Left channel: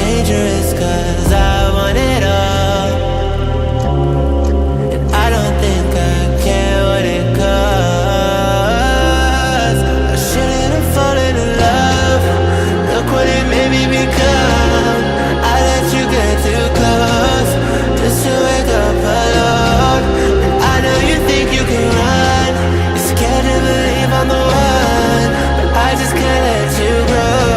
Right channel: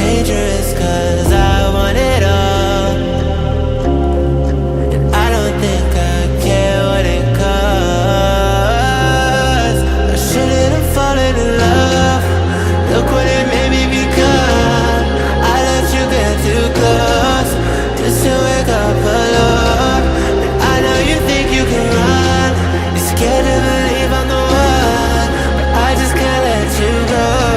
dangerous, cause I want it all, and I don't think I care what it costs. I shouldn't have fallen in love. Look what it made me become. I let you get too close, just to wake up alone. And I know you think you can run, you're scared to believe I'm the one, but I just can't let you go.